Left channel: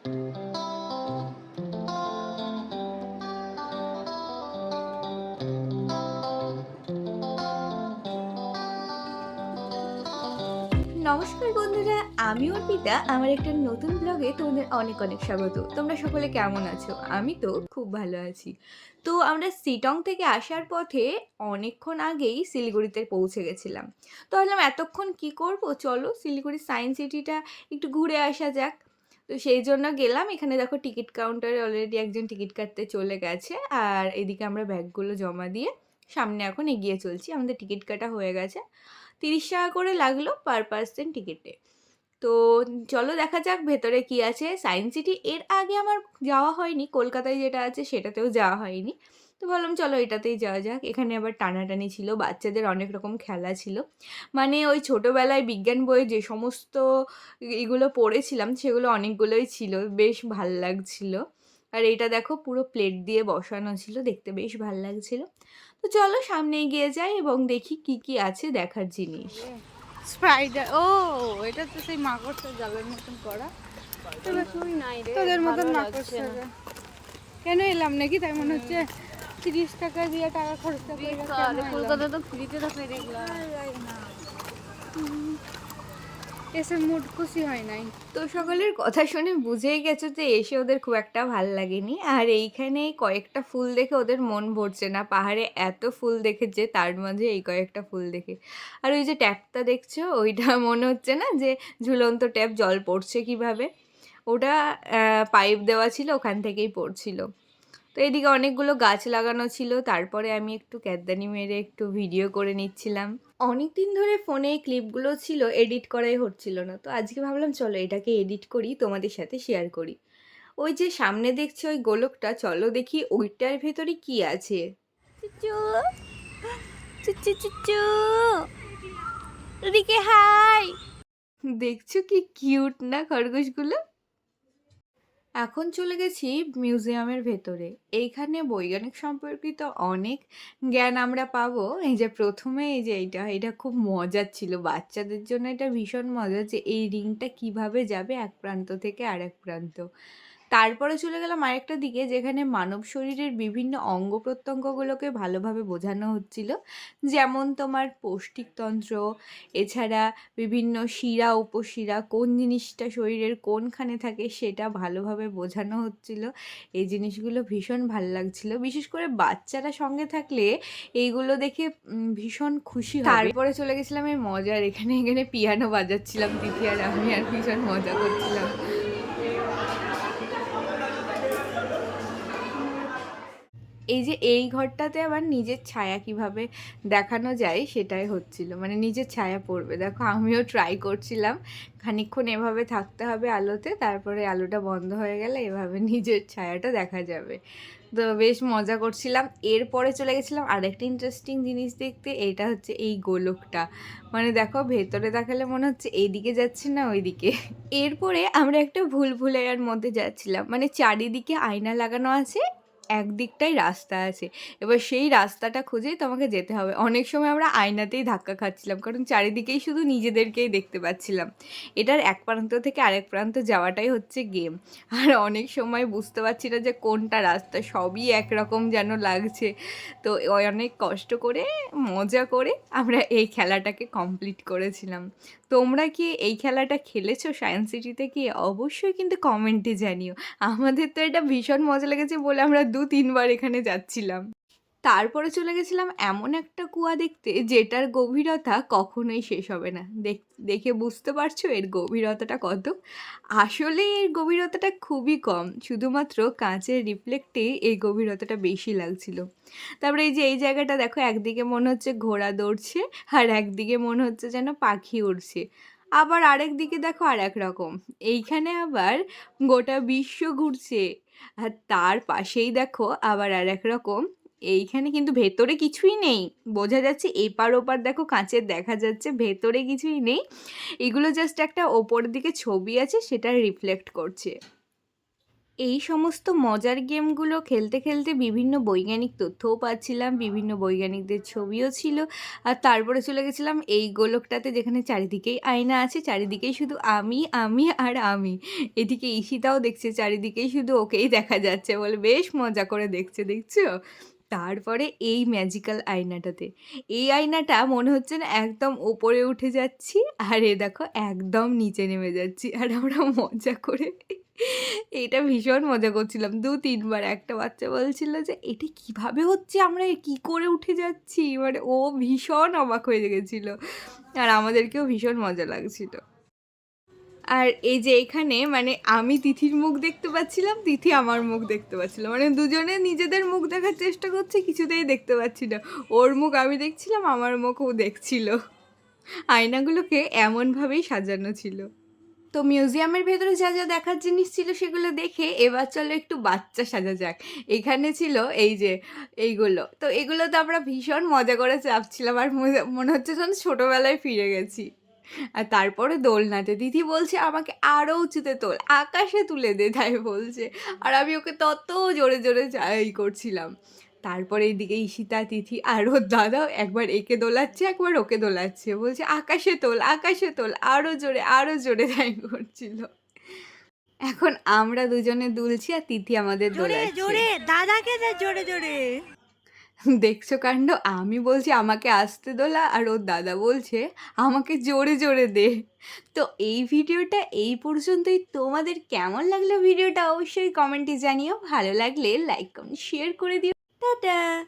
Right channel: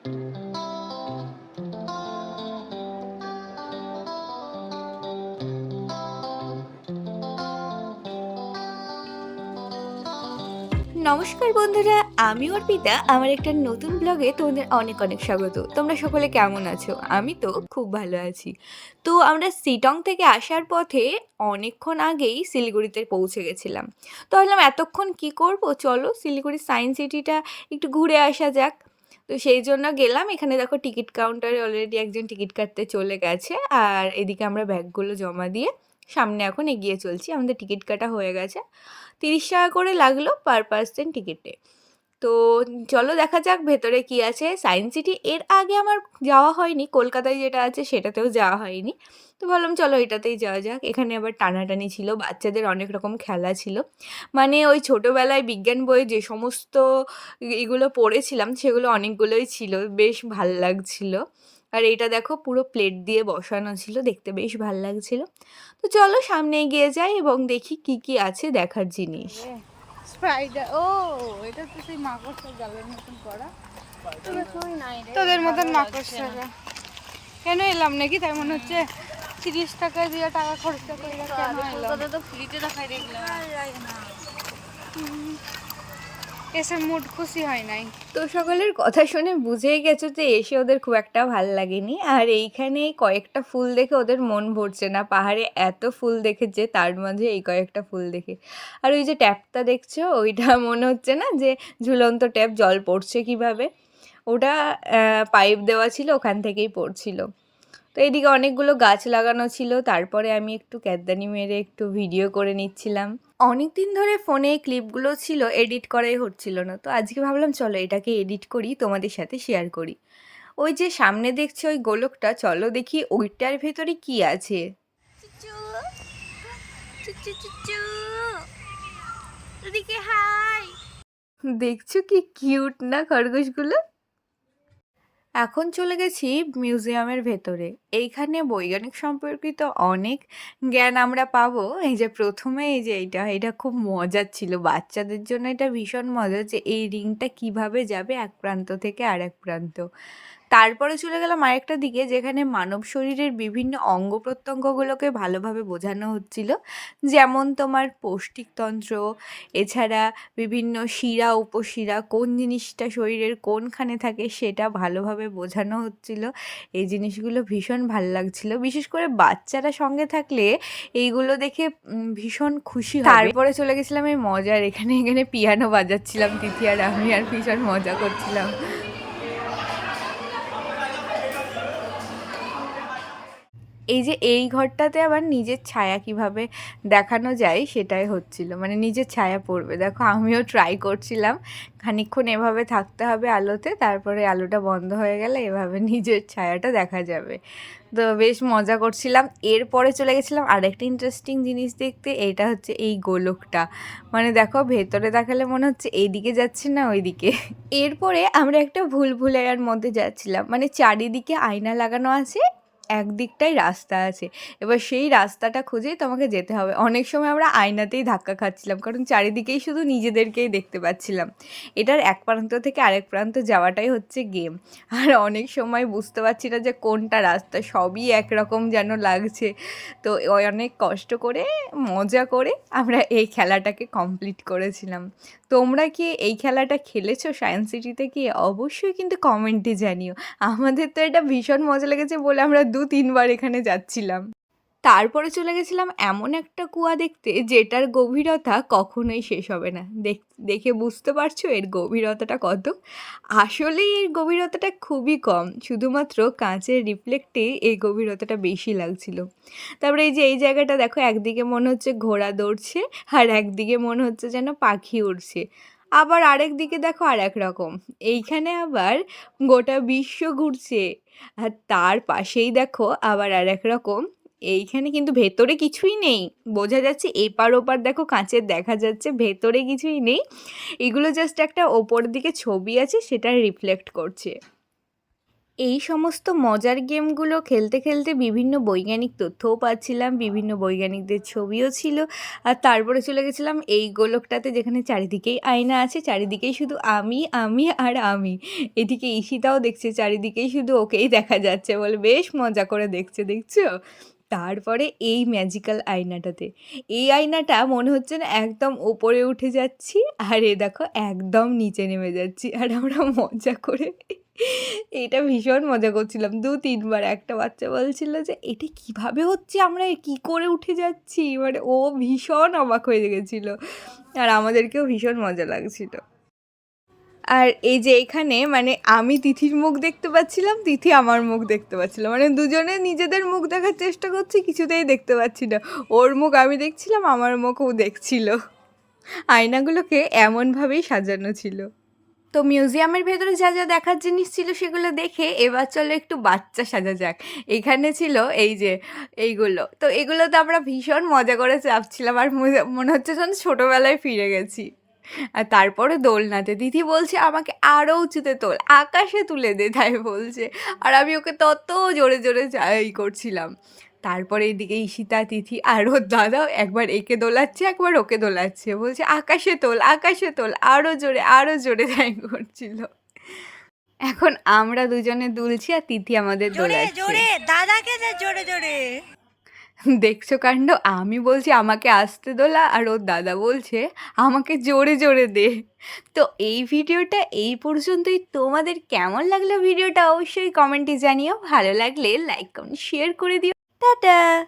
নমস্কার বন্ধুরা, আমি অর্পিতা। আমার একটা নতুন ব্লগে তোমাদের অনেক অনেক স্বাগত। তোমরা সকলে কেমন আছো? আমি তো খুব ভালো আছি। তো আমরা শিলং থেকে আসার পথে অনেকক্ষণ আগেই শিলিগুড়িতে পৌঁছে গেছিলাম। তো ভাবলাম এতক্ষণ কি করব? চলো শিলিগুড়ির সায়েন্স সিটিটা একটু ঘুরে আসা যাক। তো সেই জন্য গেলাম। এখানে দেখো টিকিট কাউন্টারে অলরেডি একজন টিকিট কাটতে চলে গেছে। আর এদিকে আমরা ব্যাগগুলো জমা দিয়ে সামনে এখন এগিয়ে চলছি। আমাদের টিকিট কাটা হয়ে গেছে। ৩০ টাকা করে লাগলো পার পারসন টিকিটে। তো চলো দেখা যাক ভেতরে কি আছে। সায়েন্স সিটি এর আগে আমার যাওয়া হয়নি। কলকাতায় যেটা আছে সেটাতেও যাওয়া হয়নি। তো ভাবলাম চলো এটাতেই যাওয়া যাক। এখানে আবার টানাটানি ছিল, বাচ্চাদের অনেক রকম খেলা ছিল। মানে ওই ছোটোবেলায় বিজ্ঞান বইয়ে যে সমস্ত এগুলো পড়েছিলাম সেগুলো অনেকগুলোই ছিল। বেশ ভাল লাগছিল। আর এইটা দেখো পুরো প্লেট দিয়ে বসানো ছিল, দেখতে বেশ ভাল লাগছিল। তো চলো সামনে এগিয়ে যাই এবং দেখি কি কি আছে দেখার জিনিস। স্পাইডার, ও এটা তো সেই মাকড়সার জালের মতন করা। তোদের মতন মাকড়সারা কেন এলাম নাকি? তাই মনে হচ্ছে 30 টাকা দিয়ে টাকা খরচা করে কেন এলাম? তো ফ্রিতে দেখাই দেখলাম, এসে মুড খুশি হয় নাই। তো সকলের কথা শুনে বুঝেই গেছো যে এসে ওদের খুব একটা ভাল লাগেনি। আর এইখানে কয়েকটা ফুল দেখে ওদের মন ভরছে না। পাহাড়ে এত ফুল দেখেছে, তার মাঝে এই কয়েকটা ফুল দেখে। আর ওই যে ট্যাপটা দেখছো ওইটা মনে হচ্ছে না যে ঝুলন্ত ট্যাপ, জল পড়ছে কিভাবে। ওটা পাইপ দেওয়া ছিল, ওখান থেকেই পড়ছিল। তো এদিকে অনেকগুলো গাছ লাগানো ছিল। তারপরে আমি একটু ক্যাদদানি মেরে একটু ভিডিও করে নিচ্ছিলাম। অনেক দিন ধরে ফোনে এই ক্লিপগুলো ছিল, এডিট করাই হচ্ছিল না। তো আজকে ভাবলাম চলো এটাকে এডিট করি, তোমাদের সাথে শেয়ার করি। ওই যে সামনে দেখছো ওই গোলকটা, চলো দেখি ওইটার ভেতরে কি আছে। চুচু চুচু চুচু, এদিকে হাই। দেখছো কি কিউট না খরগোশগুলো? এখন চলে গেছি মিউজিয়ামের ভেতরে। এইখানে বৈজ্ঞানিক সম্পর্কিত অনেক জ্ঞান আমরা পাবো। এই যে প্রথমে এই যে এটা খুব মজার ছিল। বাচ্চাদের জন্য এটা ভীষণ মজার যে এই রিংটা কিভাবে যাবে এক প্রান্ত থেকে আরেক প্রান্ত। তারপরে চলে গেলাম আরেকটা দিকে যেখানে মানব শরীরের বিভিন্ন অঙ্গ প্রত্যঙ্গগুলোকে ভালোভাবে বোঝানো হচ্ছিল। যেমন তোমার পৌষ্টিকতন্ত্র, এছাড়া বিভিন্ন শিরা উপশিরা কোন জিনিসটা শরীরের কোনখানে থাকে সেটা ভালোভাবে বোঝানো হচ্ছিল। এই জিনিসগুলো ভীষণ ভাল লাগছিল। বিশেষ করে বাচ্চারা সঙ্গে থাকলে এইগুলো দেখে ভীষণ খুশি হবে। তারপরে চলে গেছিলাম এই মজার এখানে পিয়ানো বাজাচ্ছিলাম তিথি আর আমি, আর ভীষণ মজা করছিলাম। এই যে এই ঘরটাতে আবার নিজের ছায়া কিভাবে দেখানো যায় সেটাই হচ্ছিল। মানে নিজের ছায়া পড়বে। দেখো আমিও ট্রাই করছিলাম। খানিকক্ষণ এভাবে থাকতে হবে আলোতে, তারপরে আলোটা বন্ধ হয়ে গেলে এভাবে নিজের ছায়াটা দেখা যাবে। তো বেশ মজা করছিলাম। এরপরে চলে গেছিলাম আরেকটা ইন্টারেস্টিং জিনিস দেখতে। এইটা হচ্ছে এই গোলকটা। মানে দেখো ভেতরে দেখালে মনে হচ্ছে এইদিকে যাচ্ছি না ওইদিকে। এরপরে আমরা একটা ভুলভুলাইয়ার মধ্যে যাচ্ছিলাম। মানে চারিদিকে আয়না লাগানো আছে, একদিকটাই রাস্তা আছে। এবার সেই রাস্তাটা খুঁজেই তোমাকে যেতে হবে। অনেক সময় আমরা আয়নাতেই ধাক্কা খাচ্ছিলাম, কারণ চারিদিকেই শুধু নিজেদেরকেই দেখতে পাচ্ছিলাম। এটার এক প্রান্ত থেকে আরেক প্রান্ত যাওয়াটাই হচ্ছে গেম। আর অনেক সময় বুঝতে পারছি না যে কোনটা রাস্তা, সবই একরকম যেন লাগছে। তো অনেক কষ্ট করে মজা করে আমরা এই খেলাটাকে কমপ্লিট করেছিলাম। তোমরা কি এই খেলাটা খেলেছো সায়েন্স সিটিতে গিয়ে? অবশ্যই কিন্তু কমেন্টে জানিও। আমাদের তো এটা ভীষণ মজা লেগেছে বলে আমরা ২-৩ বার এখানে যাচ্ছিলাম। তারপরে চলে গেছিলাম এমন একটা কুয়া দেখতে যেটার গভীরতা কখনোই শেষ হবে না। দেখে বুঝতে পারছো এর গভীরতাটা কত? আসলেই এর গভীরতাটা খুবই কম। শুধুমাত্র কাঁচের রিফ্লেক্টেই এই গভীরতাটা বেশি লাগছিল। তারপরে এই যে এই জায়গাটা দেখো, একদিকে মনে হচ্ছে ঘোড়া দৌড়ছে আর একদিকে মনে হচ্ছে যেন পাখি উড়ছে। আবার আরেক দিকে দেখো আরেক রকম। এইখানে আবার গোটা বিশ্ব ঘুরছে। আর তার পাশেই দেখো আবার আরেক রকম। এইখানে কিন্তু ভেতরে কিছুই নেই। বোঝা যাচ্ছে এপার ওপার দেখো কাঁচের দেখা যাচ্ছে, ভেতরে কিছুই নেই। এগুলো জাস্ট একটা ওপর দিকে ছবি আছে সেটা রিফ্লেক্ট করছে। এই সমস্ত মজার গেমগুলো খেলতে খেলতে বিভিন্ন বৈজ্ঞানিক তথ্যও পাচ্ছিলাম, বিভিন্ন বৈজ্ঞানিকদের ছবিও ছিল। আর তারপরে চলে গেছিলাম এই গোলকটাতে, যেখানে চারিদিকেই আয়না আছে, চারিদিকেই শুধু আমি, আমি আর আমি। এদিকে ঈশিতাও দেখছে, চারিদিকেই শুধু ওকেই দেখা যাচ্ছে বলে বেশ মজা করে দেখছে, দেখছো? তারপরে এই ম্যাজিক্যাল আয়নাটাতে, এই আয়নাটা মনে হচ্ছে না একদম ওপরে উঠে যাচ্ছি, আর এ দেখো একদম নিচে নেমে যাচ্ছি। আর আমরা মজা করে এটা ভীষণ মজা করছিলাম ২-৩ বার। একটা বাচ্চা বলছিল যে, "এটা কিভাবে হচ্ছে? আমরা কি করে উঠে যাচ্ছি?" মানে ও ভীষণ অবাক হয়ে গেছিল। আর আমাদেরকেও ভীষণ মজা লাগছিল। আর এই যে এখানে মানে আমি তিথির মুখ দেখতে পাচ্ছিলাম, তিথি আমার মুখ দেখতে পাচ্ছিল। মানে দুজনে নিজেদের মুখ দেখার চেষ্টা করছি, কিছুতেই দেখতে পাচ্ছি না। ওর মুখ আমি দেখছিলাম, আমার মুখ ও দেখছিল। আয়নাগুলোকে এমনভাবেই সাজানো ছিল। তো মিউজিয়ামের ভেতরে যা যা দেখার জিনিস ছিল সেগুলো দেখে এবার চলো একটু বাচ্চা সাজা যাক। এখানে ছিল এই যে এইগুলো, তো এগুলোতে আমরা ভীষণ মজা করে চাপছিলাম, আর মনে হচ্ছে যেন ছোটোবেলায় ফিরে গেছি। আর তারপরে দোলনাতে দিদি বলছে আমাকে আরও উঁচুতে তোল, আকাশে তুলে দে, তাই বলছে। আর আমি ওকে তত জোরে জোরে করছিলাম। তারপরে এইদিকে ঈশিতা, তিথি আর ওর দাদাও একবার একে দোলাচ্ছে, একবার ওকে দোলাচ্ছে, বলছে আকাশে তোল, আরও জোরে তাই করছিল। এখন আমরা দুজনে দুলছি আর তিথি আমাদের দোলাচ্ছে। দাদাকে দে জোরে জোরে। দেখছো কাণ্ড, আমি বলছি আমাকে আস্তে দোলা, আর ওর দাদা বলছে আমাকে জোরে জোরে দে। তো এই ভিডিওটা এই পর্যন্তই। তোমাদের কেমন লাগলো ভিডিওটা অবশ্যই কমেন্টে জানিও। ভালো লাগলে লাইক কমেন্ট শেয়ার করে দিও। টাটা।